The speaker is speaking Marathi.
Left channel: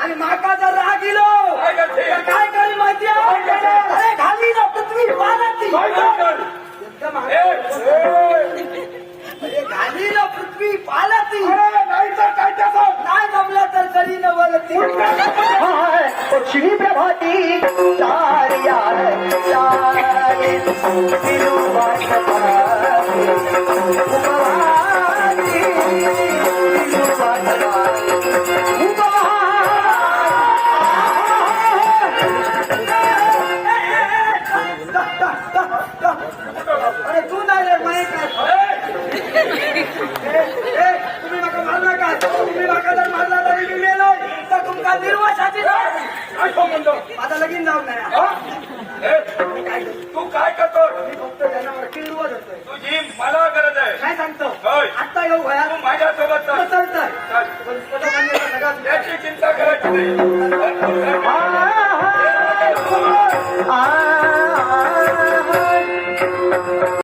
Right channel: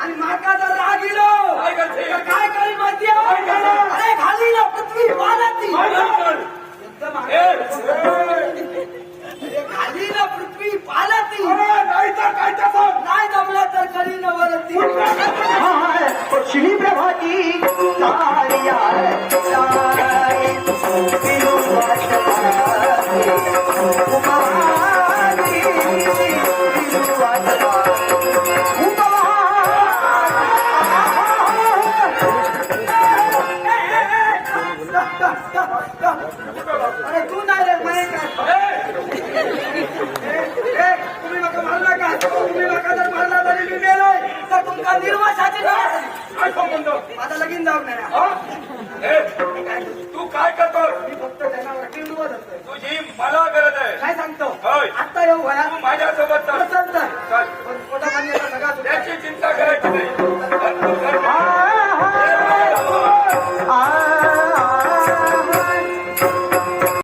आणि माका जर राग इलो काय करी माहिती अरे घाली ना पृथ्वी पाण्याची घाली ना पृथ्वी पाण्याची नाही तर काय नाही जमलं तर करी न बोलती श्री प्रभाती अरे तू नाही रे म्हणे काय तुम्ही मारला का तुम्ही वागायला मारला तरी मी मेलो तर तुमचा निर्वासाची आता लगीन लावून नाही तू काय करतोय मी फक्त त्यांना मला किल्वा धरतोय तुझी मला गरज आहे काय सांगतो होय आत्ता येऊ घ्या तू माझ्यासोबत चालतंय त्याची चिंता करायची नाही